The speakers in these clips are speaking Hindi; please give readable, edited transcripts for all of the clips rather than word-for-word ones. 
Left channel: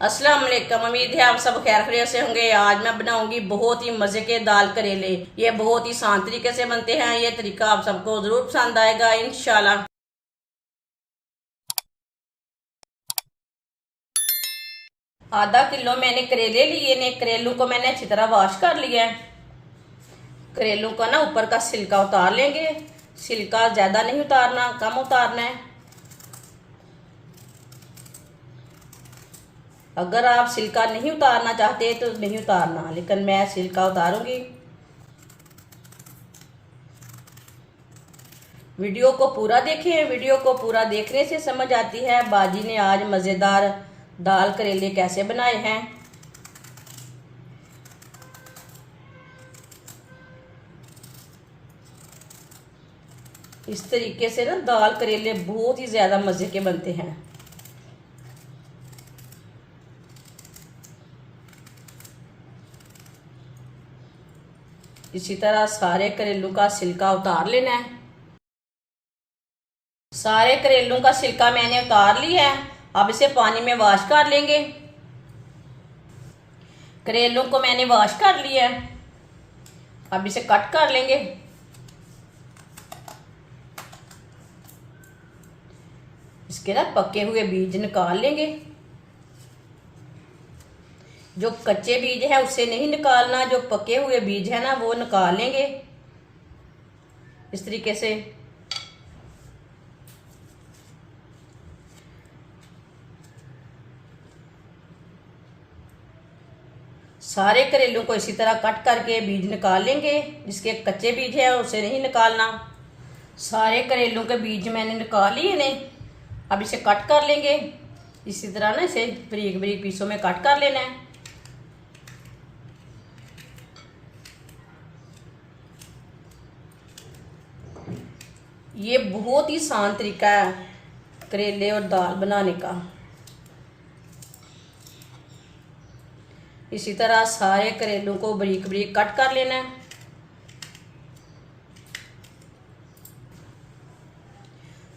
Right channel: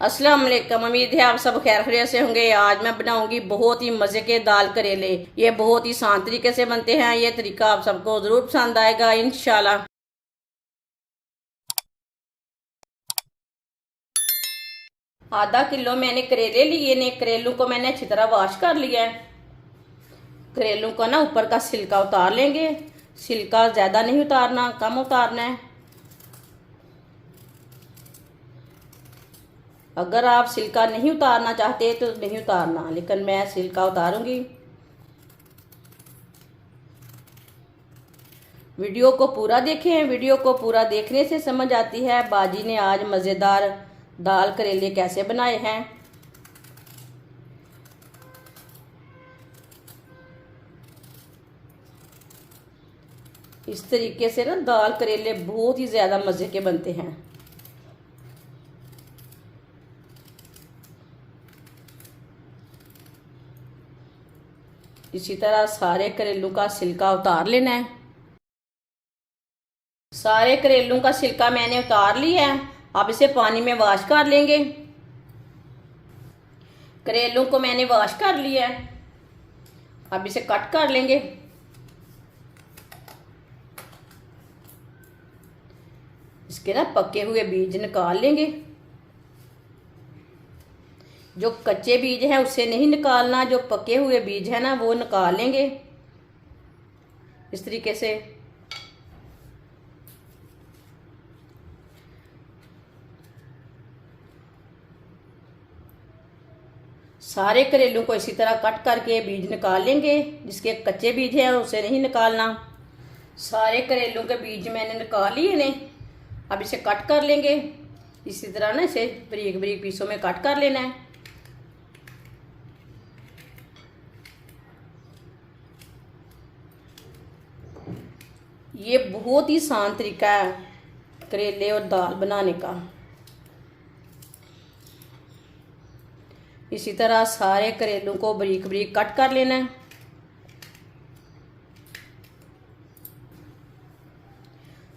अस्सलाम वालेकुम। उम्मीद है आप सब खैर खैरियत से होंगे। आज मैं बनाऊंगी बहुत ही मजे के दाल करेले। ये बहुत ही आसान तरीके से बनते हैं। ये तरीका आप सबको जरूर पसंद आएगा इंशाल्लाह। आधा किलो मैंने करेले लिए ने। करेलों को मैंने अच्छी तरह वॉश कर लिया है। करेलों को ना ऊपर का छिलका उतार लेंगे। छिलका ज्यादा नहीं उतारना, कम उतारना है। अगर आप छिलका नहीं उतारना चाहते तो नहीं उतारना, लेकिन मैं छिलका उतारूंगी। वीडियो को पूरा देखें। वीडियो को पूरा देखने से समझ आती है बाजी ने आज मज़ेदार दाल करेले कैसे बनाए हैं। इस तरीके से ना दाल करेले बहुत ही ज़्यादा मज़े के बनते हैं। इसी तरह सारे करेलों का छिलका उतार लेना है। सारे करेलों का छिलका मैंने उतार लिया है। अब इसे पानी में वॉश कर लेंगे। करेलों को मैंने वॉश कर लिया है। अब इसे कट कर लेंगे। इसके ना पके हुए बीज निकाल लेंगे। जो कच्चे बीज है उसे नहीं निकालना, जो पके हुए बीज है ना वो निकाल लेंगे इस तरीके से। सारे करेलों को इसी तरह कट करके बीज निकाल लेंगे। जिसके कच्चे बीज है उसे नहीं निकालना। सारे करेलों के बीज मैंने निकाल लिए ने। अब इसे कट कर लेंगे। इसी तरह ना इसे बारीक बारीक पीसों में कट कर लेना है। ये बहुत ही आसान तरीका है करेले और दाल बनाने का। इसी तरह सारे करेलों को बारीक बारीक कट कर लेना है।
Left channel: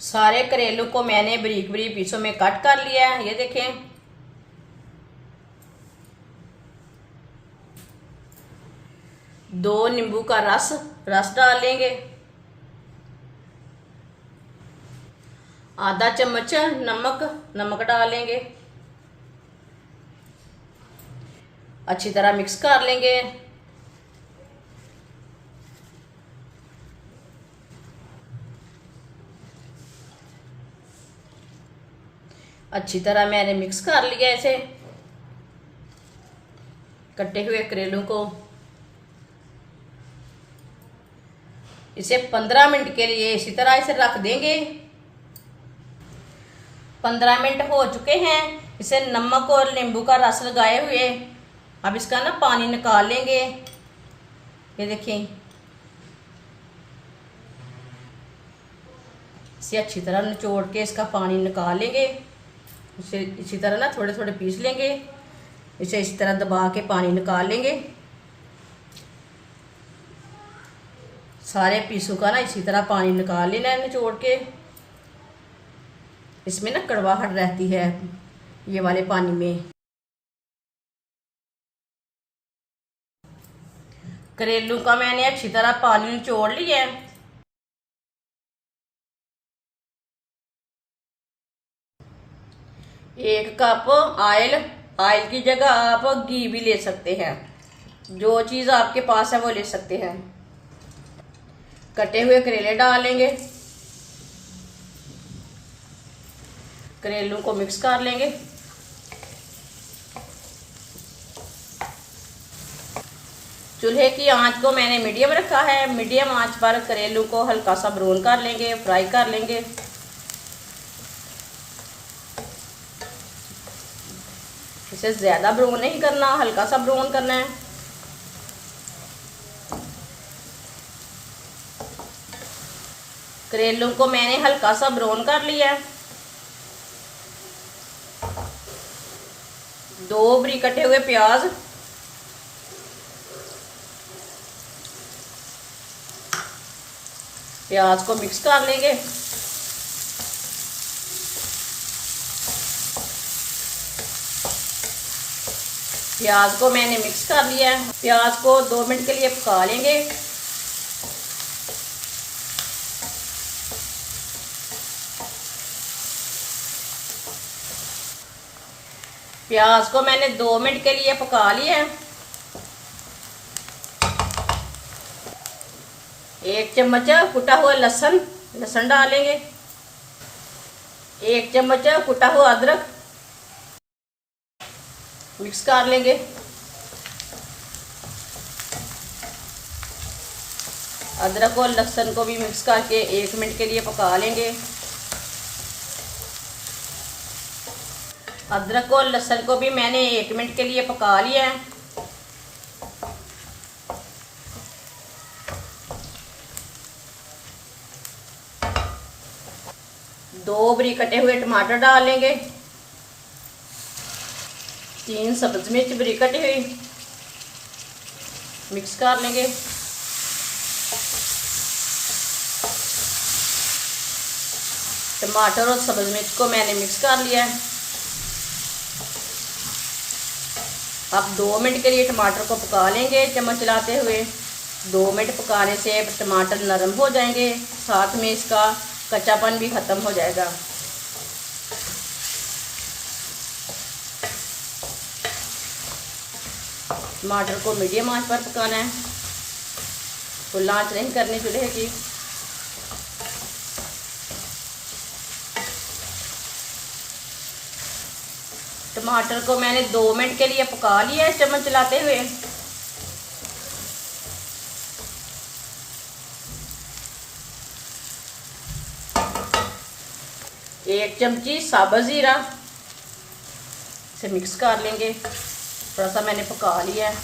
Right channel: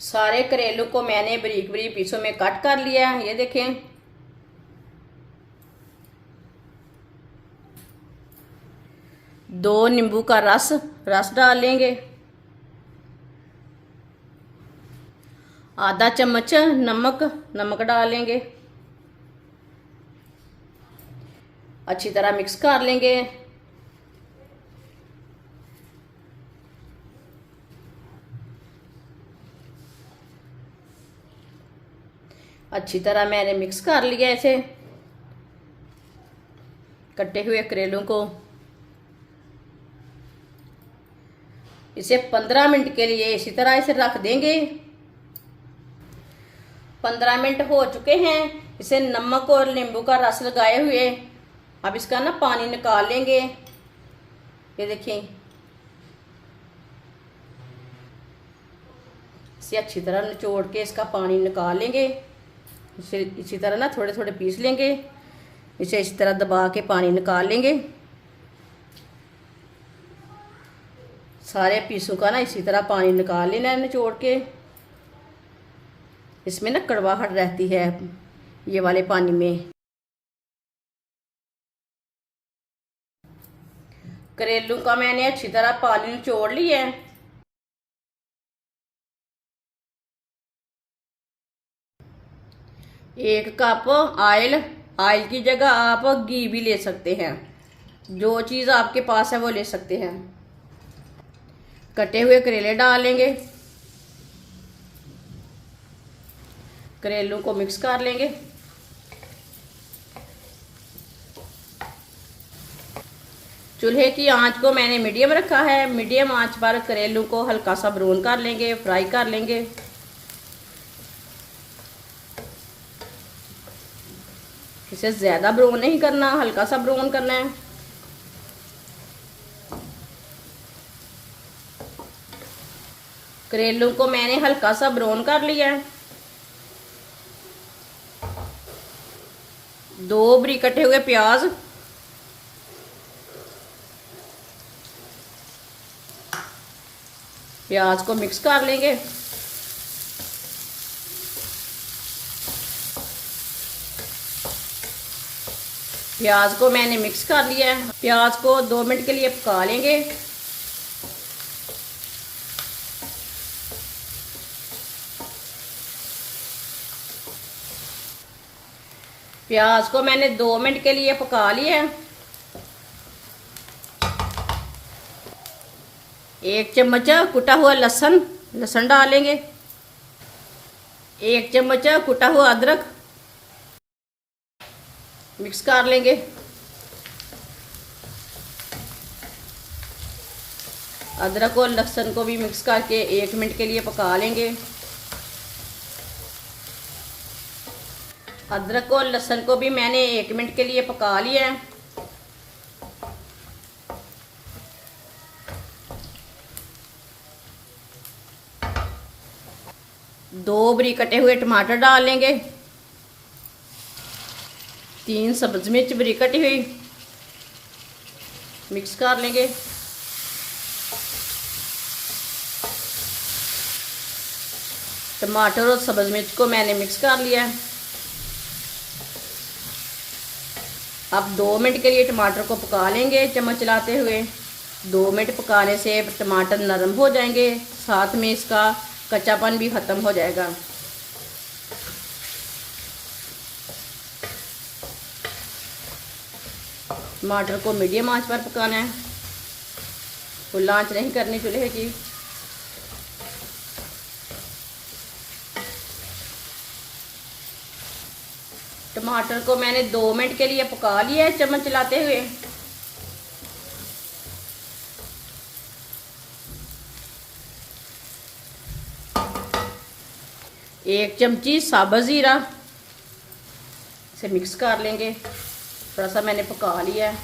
सारे करेलों को मैंने बारीक बारीक पीसों में कट कर लिया है। ये देखें। दो नींबू का रस डाल लेंगे। आधा चम्मच नमक डालेंगे। अच्छी तरह मिक्स कर लेंगे। अच्छी तरह मैंने मिक्स कर लिया इसे। कटे हुए करेलों को इसे 15 मिनट के लिए इसी तरह इसे रख देंगे। 15 मिनट हो चुके हैं। इसे नमक और नींबू का रस लगाए हुए। अब इसका ना पानी निकाल लेंगे। ये देखिए। इसे अच्छी तरह निचोड़ के इसका पानी निकाल लेंगे। इसे इसी तरह ना थोड़े थोड़े पीस लेंगे। इसे इसी तरह दबा के पानी निकाल लेंगे। सारे पीसों का ना इसी तरह पानी निकाल लेना है निचोड़ के। इसमें ना कड़वाहट रहती है ये वाले पानी में। करेलों का मैंने अच्छी तरह पानी निचोड़ लिया है। एक कप ऑयल की जगह आप घी भी ले सकते हैं। जो चीज़ आपके पास है वो ले सकते हैं। कटे हुए करेले डालेंगे। करेलों को मिक्स कर लेंगे। चूल्हे की आंच को मैंने मीडियम रखा है। मीडियम आंच पर करेलों को हल्का सा ब्राउन कर लेंगे, फ्राई कर लेंगे। इसे ज्यादा ब्राउन नहीं करना, हल्का सा ब्राउन करना है। करेलों को मैंने हल्का सा ब्राउन कर लिया है। दो बारीक कटे हुए प्याज, प्याज को मिक्स कर लेंगे। प्याज को मैंने मिक्स कर लिया है। प्याज को 2 मिनट के लिए पका लेंगे। प्याज को मैंने 2 मिनट के लिए पका लिया है। 1 चम्मच कुटा हुआ लहसुन डालेंगे। 1 चम्मच कुटा हुआ अदरक मिक्स कर लेंगे। अदरक और लहसुन को भी मिक्स करके 1 मिनट के लिए पका लेंगे। अदरक और लहसुन को भी मैंने 1 मिनट के लिए पका लिया है। दो बारीक कटे हुए टमाटर डाल लेंगे। 3 सब्ज मिर्च बारीक कटी हुई मिक्स कर लेंगे। टमाटर और सब्ज मिर्च को मैंने मिक्स कर लिया है। अब 2 मिनट के लिए टमाटर को पका लेंगे चम्मच चलाते हुए। 2 मिनट पकाने से टमाटर नरम हो जाएंगे, साथ में इसका कच्चापन भी खत्म हो जाएगा। टमाटर को मीडियम आंच पर पकाना है, फुल आंच नहीं करनी चूल्हे की। टमाटर को मैंने 2 मिनट के लिए पका लिया है चम्मच चलाते हुए। एक चमची साबुत जीरा से मिक्स कर लेंगे। थोड़ा सा मैंने पका लिया है।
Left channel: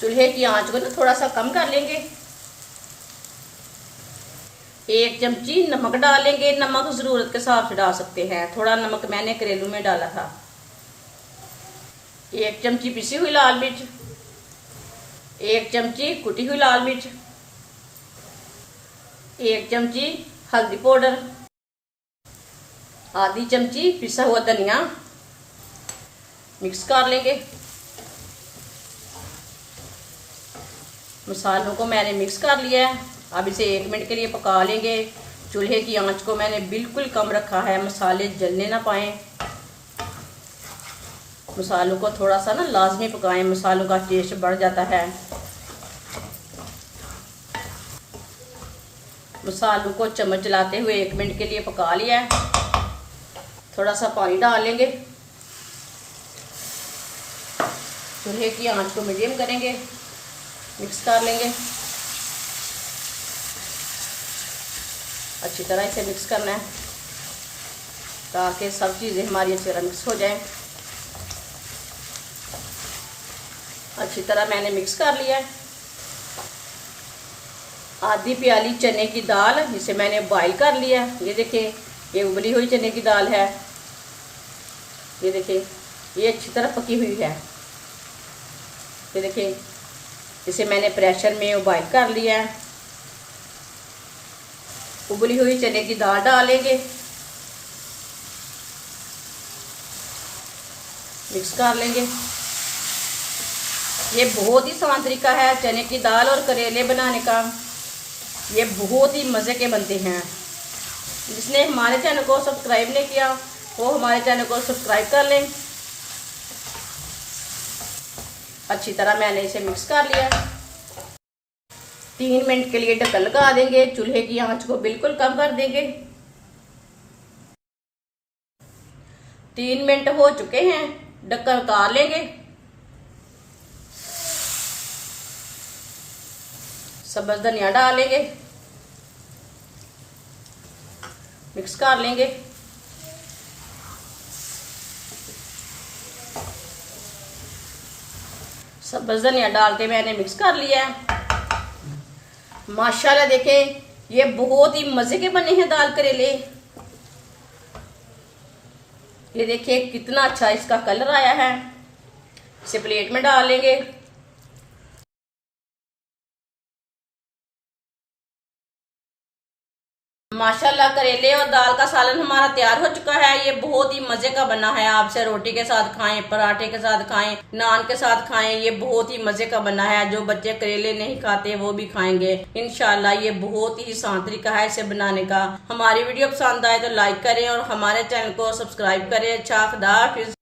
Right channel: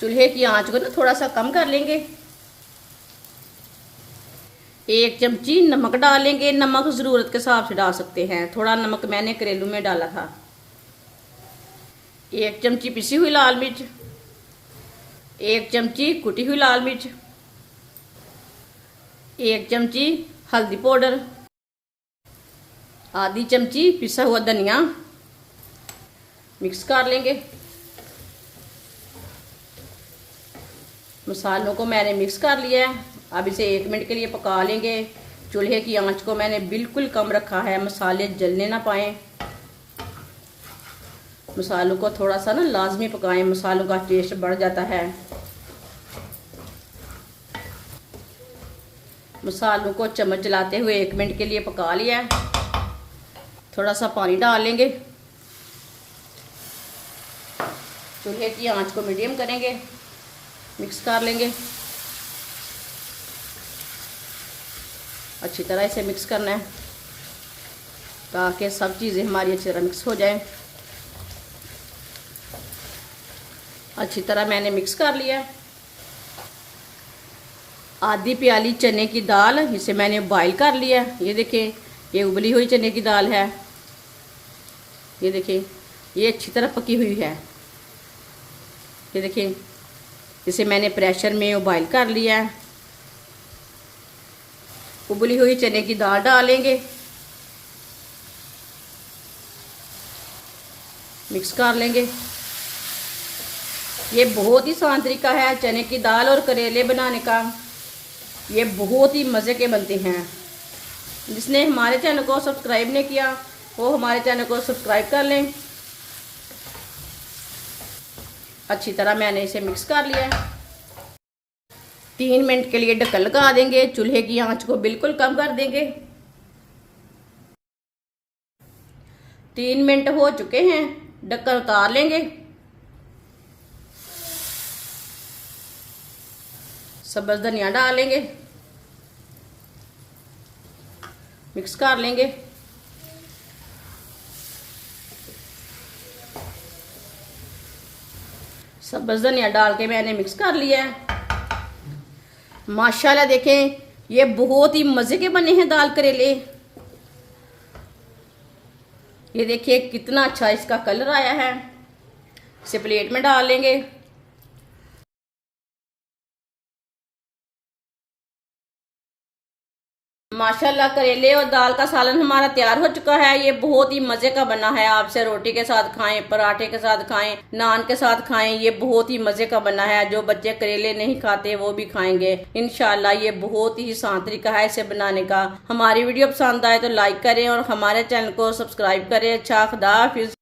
चूल्हे की आंच को तो थोड़ा सा कम कर लेंगे। 1 चमची नमक डालेंगे। नमक जरूरत के हिसाब से डाल सकते हैं, थोड़ा नमक मैंने करेलू में डाला था। 1 चमची पिसी हुई लाल मिर्च, 1 चमची कुटी हुई लाल मिर्च, 1 चमची हल्दी पाउडर, आधी चमची पिसा हुआ धनिया मिक्स कर लेंगे। मसालों को मैंने मिक्स कर लिया है। अब इसे 1 मिनट के लिए पका लेंगे। चूल्हे की आंच को मैंने बिल्कुल कम रखा है, मसाले जलने ना पाए। मसालों को थोड़ा सा ना लाजमी पकाएं, मसालों का टेस्ट बढ़ जाता है। मसालों को चम्मच चलाते हुए 1 मिनट के लिए पका लिया है। थोड़ा सा पानी डाल लेंगे। चूल्हे की आंच को मीडियम करेंगे, मिक्स कर लेंगे। अच्छी तरह इसे मिक्स करना है ताकि सब चीज़ें हमारी अच्छी तरह मिक्स हो जाए। अच्छी तरह मैंने मिक्स कर लिया है। आधी प्याली चने की दाल जिसे मैंने बॉईल कर लिया है। ये देखिए, ये उबली हुई चने की दाल है। ये देखिए, ये अच्छी तरह पकी हुई है। ये देखिए, इसे मैंने प्रेशर में बॉईल कर लिया है। उबली हुई चने की दाल डालेंगे, मिक्स कर लेंगे। ये बहुत ही आसान तरीका है चने की दाल और करेले बनाने का। ये बहुत ही मज़े के बनते हैं। जिसने हमारे चैनल को सब्सक्राइब नहीं किया वो हमारे चैनल को सब्सक्राइब कर लें। अच्छी तरह मैंने इसे मिक्स कर लिया। 3 मिनट के लिए ढक्कन लगा देंगे। चूल्हे की आंच को बिल्कुल कम कर देंगे। 3 मिनट हो चुके हैं, ढक्कन उतार लेंगे। सब्ज़ धनिया डालेंगे, मिक्स कर लेंगे। सब्ज़ धनिया डाल के मैंने मिक्स कर लिया है। माशाल्लाह देखें, ये बहुत ही मज़े के बने हैं दाल करेले। ये देखिए कितना अच्छा इसका कलर आया है। इसे प्लेट में डाल लेंगे। माशाल्लाह करेले और दाल का सालन हमारा तैयार हो चुका है। ये बहुत ही मजे का बना है। आपसे रोटी के साथ खाएं, पराठे के साथ खाएं, नान के साथ खाएं। ये बहुत ही मजे का बना है। जो बच्चे करेले नहीं खाते वो भी खाएंगे इंशाल्लाह। ये बहुत ही आसान तरीका है इसे बनाने का। हमारी वीडियो पसंद आए तो लाइक करें और हमारे चैनल को सब्सक्राइब करें। अच्छा, खुदा हाफिज।